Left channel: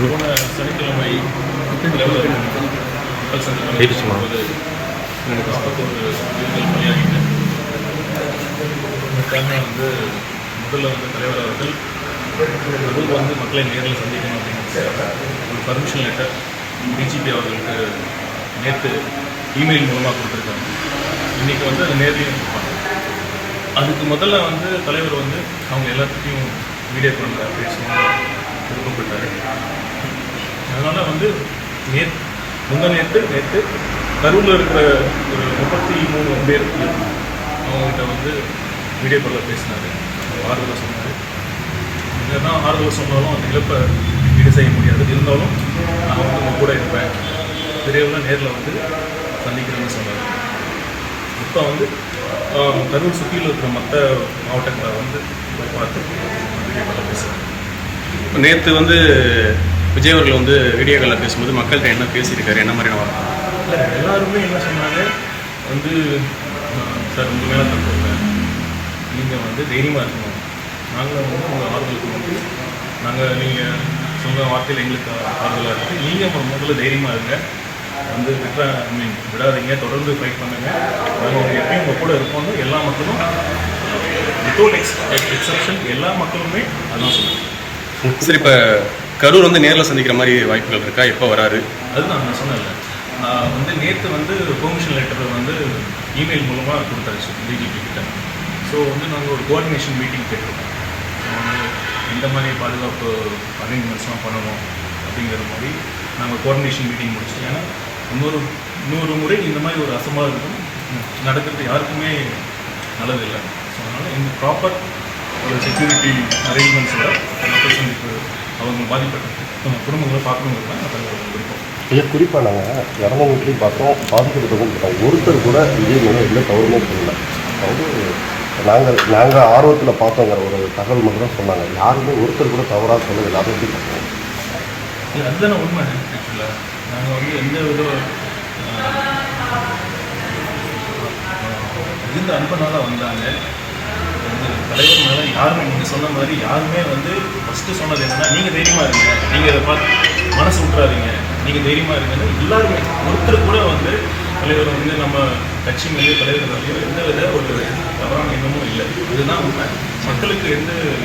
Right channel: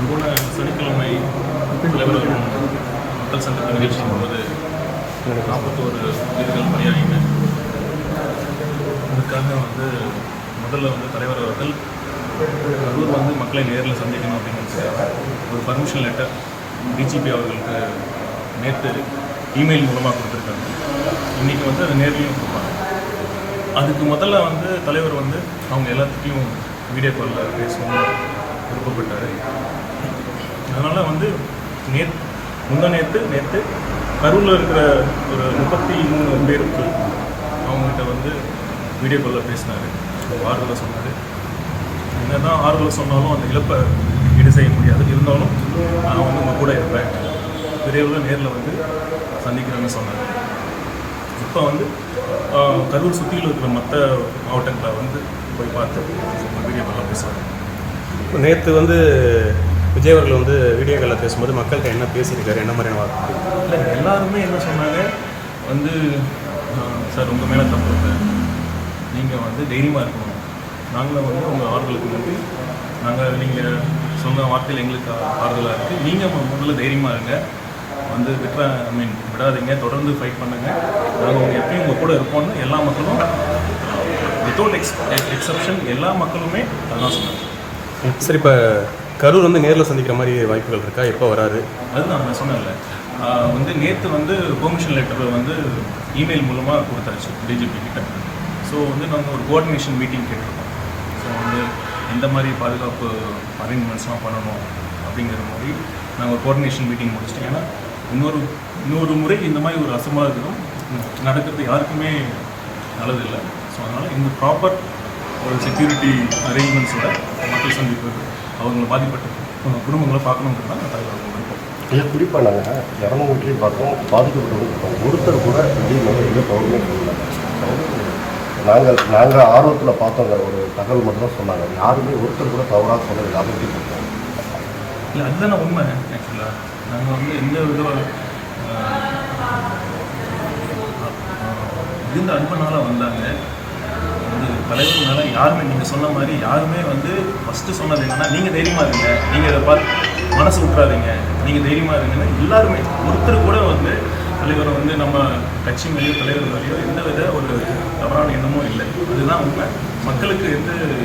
போன சனிக்கிழமை மக்கள் சங்கம் போது 41 உயிர்கள் பலியாகின. அதுக்காக முதல்ல தலைவர் அவர்கள் கரூர் மக்களை நேரில் சந்திக்கணும் அப்படிங்கிறதுக்காக ஒரு பர்மிஷன் லெட்டர் டிஜிபி அவர்களுக்கு நேற்று இமெயில் மூலமாக கொடுத்துருக்காங்க. இன்றைக்கி அது நேர்லையும் கொடுப்பாங்க. அதுக்கு முதல்ல தலைவர் அவங்க எல்லாத்துக்கும் வீடியோ காலில் பேசணும்னு விருப்பப்பட்டார். அதனால் நேற்று கரூரில் இருக்கிற ஒரு 33 பேருக்கு அவங்ககிட்ட வீடியோ காலில் பேசினார். ஆறுதலை சொன்னார். என்னதான் ஆறுதலை சொன்னாலும் அந்த இழப்பை ஈடு செய்ய முடியாது. இருந்தாலும் நான் உங்கள் கூட இருப்பேன், விரைவில் நேரில் சந்திக்கிறேன்னு சொன்னார். இப்போ கரூர் சுற்றியில் இருக்கிற மற்ற மாவட்டங்களை போய் பார்த்து வீடியோ காலில் பேசுகிறாங்க. நேற்று விஜய் அவர்கள் வீடியோ காலில் பேசும்போது மக்கள்கிட்ட என்ன பேசியிருக்காரு, என்ன மாதிரியான வார்த்தை? இல்லை, எல்லாருமே என்ன சொன்னாங்க, சார் உங்கள் மேலே தப்பு இல்லை, நீங்கள் தைரியமாக இருக்கணும், நாங்களும் உங்கள் ஆறுதலுக்கு நீங்கள் சொன்ன வார்த்தையில் எங்களுக்கு ஆறுதலாக இருக்குது, நீங்கள் முதல்ல தைரியமாக இருங்க, விடாதீங்க, தொடர்ந்து ஃபைட் பண்ணுங்கள், நாங்கள் உங்கள் எப்பயும் உங்கள் கூட இருப்போம்னு எல்லா மக்களும் வித்தவுட் எக்ஸப்ஷன் எல்லா மக்களுமே அதான் சொன்னாங்க. சரி, இப்போ கரூர் நேரில் சந்திக்கிற மாதிரி வாய்ப்புகள் இருக்கா? எப்போ வராரு? அதுதான் நான் சொன்னேன்ல, நேற்று பெர்மிஷன் லெட்டர் இமெயில் மூலமாக கொடுத்தாச்சு டிஜிபி கிட்ட. ஸோ நாங்கள் ஒரு கோஆர்டினேஷன் மீட்டிங் கேட்டிருக்கோம். ஸோ எந்த மாதிரி பாதுகாப்பு அரேஞ்ச்மெண்ட்ஸ்லாம் பண்ணணும் அப்படிங்கிற மாதிரி நாங்கள் கோஆர்டினேஷன் மீட்டிங் முடிச்சிட்டோம். ஏன்னா இன்னொரு முறை இந்த மாதிரி ஒரு அசம்பாவிதம் நடக்கிறது யாருக்குமே நல்லதில்லை. ஸோ அதனால் இந்த ப்ராப்பர் ஒரு செக்யூரிட்டி அரேஞ்ச்மெண்ட்ஸோட மக்கள் சந்திப்பு அவங்களை பாதிப்பட்ட குடும்பங்களை பார்க்கணுங்கிறது தான் தலைவர் விருப்பம். ஏன் குறிப்பாக நாங்கள் இறந்தவங்களையும் பார்த்தோம், பாதிக்கப்பட்டவங்களும் பார்த்தோம், ஒருத்தர் கூட விஜய் மேலே இல்லை கவர்மெண்ட் இல்லை. நாங்கள் ஆர்வத்தில் பார்த்தோங்கிற ஒரு தகவல் மட்டும் தான் சொன்னாங்க. யாருமே ஒருத்தர் கூட தவறாக சொல்லவில்லை. அதை எப்படி பார்த்தோம்? இல்லை, அதுதானே உண்மை. ஆக்சுவலாக நாங்கள் எந்த விதம் இருந்த அன்பனால வந்தாங்க. தலைவர் மேலே யாருமே நீங்கள் சொன்ன மாதிரி யாருமே ஃபஸ்ட்டு சொன்னது என்னென்னா, நீங்கள் தைரியமாக இருங்க, நீங்கள் இதை பார்த்து மனசு விட்றாதீங்க, நீங்கள் தைரியமாக இருங்கன்னு எல்லாருமே. ஒருத்தர் கூட தலைவர் நம்ம கட்சி மேலேயோ தலைவர் மேலேயோ எந்த வித ஒரு தவறான எண்ணமும் இல்லை. அதுதான் உண்மை. மக்களுக்கு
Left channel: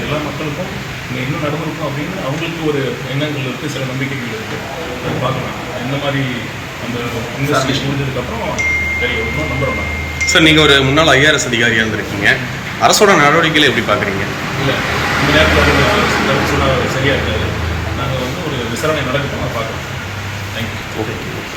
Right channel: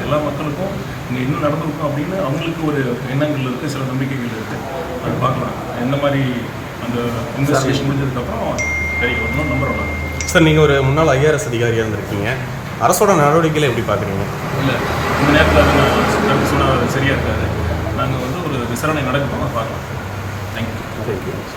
எல்லா மக்களுக்கும் இங்கே இன்னும் நடந்திருக்கும் அப்படின்னு அவங்களுக்கு ஒரு எண்ணங்கள் இருக்குது, சில நம்பிக்கைகள் இருக்குது. அது பார்க்கலாம். எந்த மாதிரி அந்த இன்வெஸ்டிகேஷன் முடிஞ்சதுக்கப்புறம் இன்னும் நம்புகிறோம் நாங்கள். சார், நீங்கள் ஒரு முன்னாள் IRS அதிகாரியாக இருந்திருக்கீங்க. அரசோட நடவடிக்கைகளை எப்படி பார்க்குறீங்க? இல்லை, இந்த நேரத்தில் சொன்னால் சரியாக இருக்காது. நாங்கள் ஒரு விசாரணை நடக்கணும் தான் பார்க்குறோம். தேங்க்யூ.